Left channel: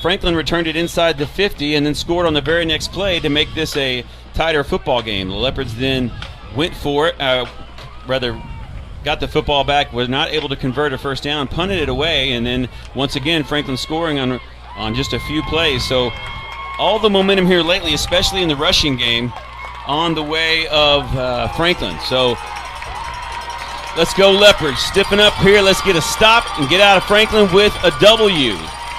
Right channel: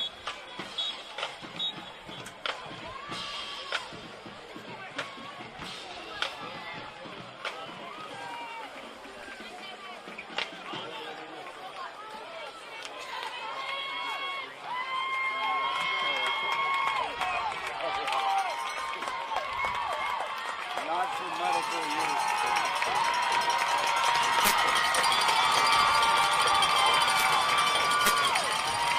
Franklin returned it inside the 50 and then scored on the very next play to make this a tighter football game. The Leopards then went for it, got the football back, was not able to convert a first down, punted it away, and then once again Franklin scoring on just a few plays. So all the momentum here lately, especially in the rushing game, on the way of Franklin. So let's go Leopards. Stiffen up here. Let's get a stop and get out of Franklin with a W.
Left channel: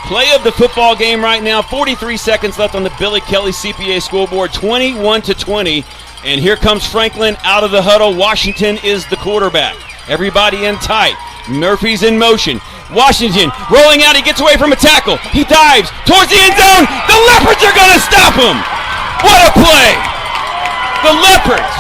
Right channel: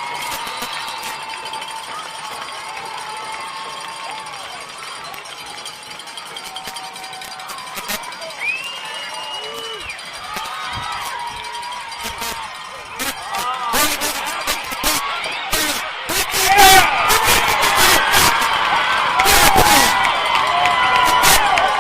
Play of the football game right now. 43 seconds left on the Billy Kelly CPA scoreboard. 21-20. And here comes Franklin out of the huddle. Washington is the quarterback. Everybody in tight. Murphy's in motion. Washington rolling out. He gets away from a tackle. He dives towards the end zone. The Leopards are going to stop him. What a play. The Leopards.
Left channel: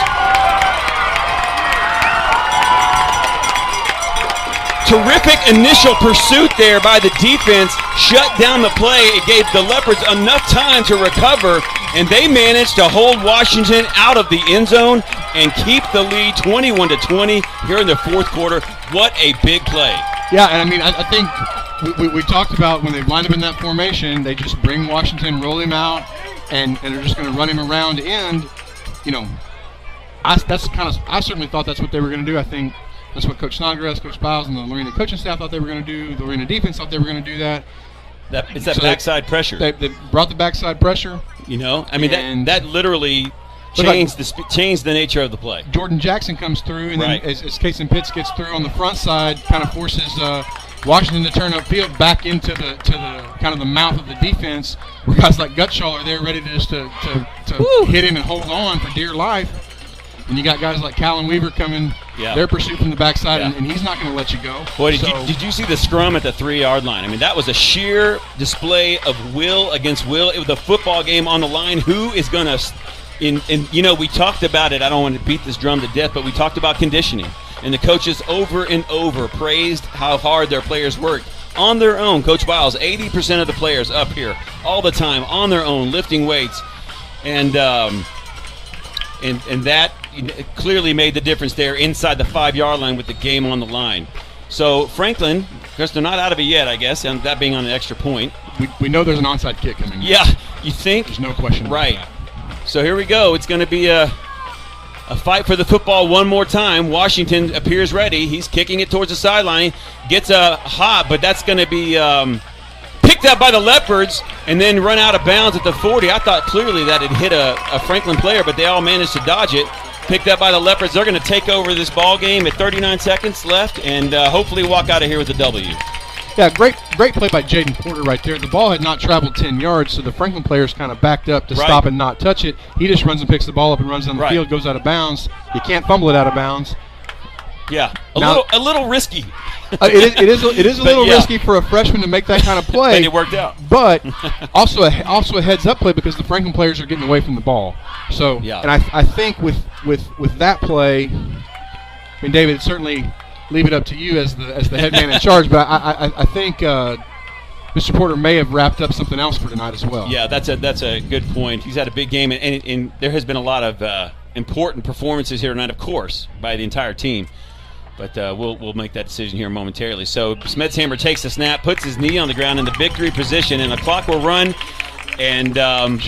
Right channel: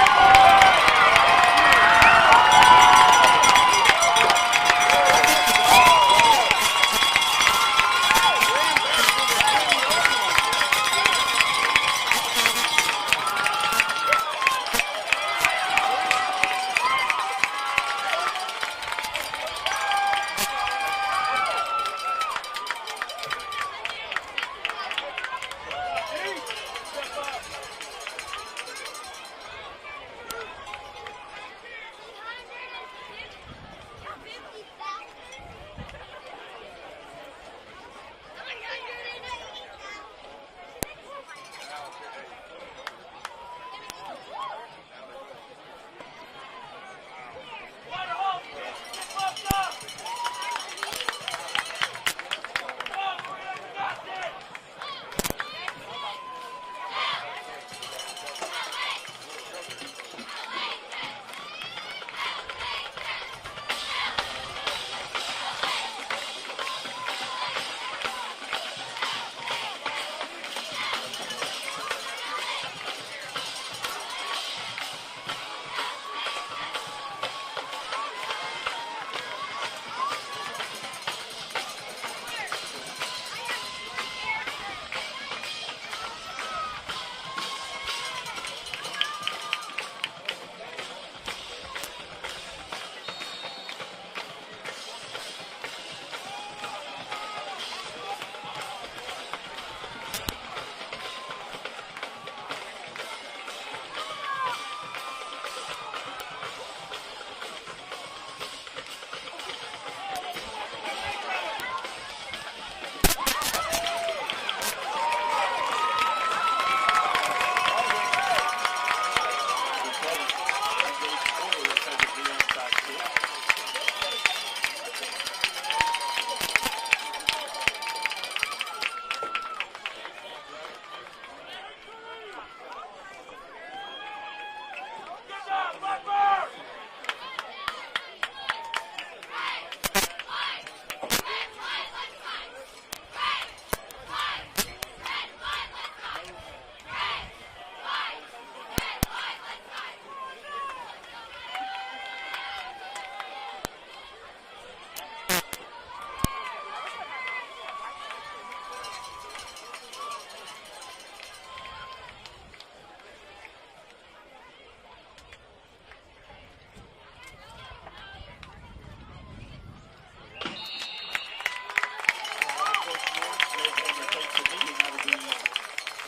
Terrific initial pursuit there by the defense. Shut down the play. It gave the Leopards enough time to recover, and they managed to hold Washington out of the end zone and keep the lead 21-20 here in the fourth quarter. What a big play. Yeah, and I mean, I think we talked about when they wind up in that formation, they just bring Washington, roll him out, and they're just going to run him around to end. You know, I certainly thought that's what they were going to do. I think that's what Coach Snodgrass, Coach Biles, and the Lorena coaching staff thought they were going to do. The Lorena defense thought they were going to do that. It's that backside pressure. They brought the backside pressure. You know, I mean, that literally changed the nature of the play. Jordan Jackson comes through, and then as Kason Pitts gets through on the front side, kind of forces Washington to turn upfield back into the kind of the mouth of the defense, where guys like Gutshaw are there ready to just to hit him and hold on for dear life. And you got guys like Callan Weaver coming, their pursuit from the backside, and he's not going to let you go. Boy, did you see the scrum at the 3-yard line? I mean, that was a sheer display of will against will. It was a football game on the line. Who is going to – you know, we talked about it. I don't want to beat this drum to death, but we talked about conditioning. And the coaches over and over praised how hard their players worked on their own. Coach Biles, 80% of the players up here all the time on their own, lifting weights. And that clearly made the difference there inside the 5-yard line with the game on the line. So Franklin, because they're not out of it yet, I guess, and that being on an extra point. We know there's an onside kick coming. Yeah, you think? There's no question. Right. So here we go. It's going to be a fight for the football one more time. Washington appears ready. He's kicking it towards the sideline. Gets a hop, but that's going to be picked up by the Leopards and then run out of bounds at the 40. I thought clearly that it hit a Franklin player, but they all managed to dodge it. Picked up by the Leopards. They're going to take over this ball game at 39 seconds left and hopefully walk out of here with a W. Yeah, great play by Jaden Porter right there. The ball had not traveled 10 yards, so the Franklin players kind of backed up to stop and not touch it. He just runs and picks the ball up and runs down the field, goes out of bounds. You can't fumble it out of bounds. Yeah, a little risky. It is a little risky for a freshman to make that kind of play. And it worked out. But also a heads-up play because the Franklin players are getting away from the ball. So, and I think with that play, I mean, David, certainly leave it up to you as the head man in charge. But I think Mr. Porter may have wrapped up something else for tonight as well. Yeah, that's a good point. He's had a big game, and there has been a lot of important performances here tonight, of course, by the entire team. But we'll make that decision here momentarily. So Smetshammer takes the snap, puts his knee on the ground in the victory position, and the clock will run. And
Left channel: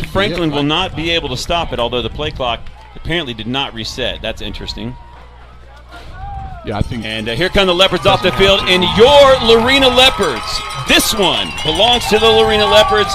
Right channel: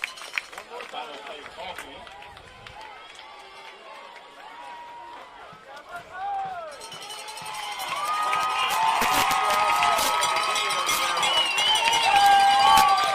Franklin will not be able to stop it, although the play clock apparently did not reset. That's interesting. Yeah, I think. And here come the Leopards off the field, and your Lorena Leopards. This one belongs to the Lorena Leopards.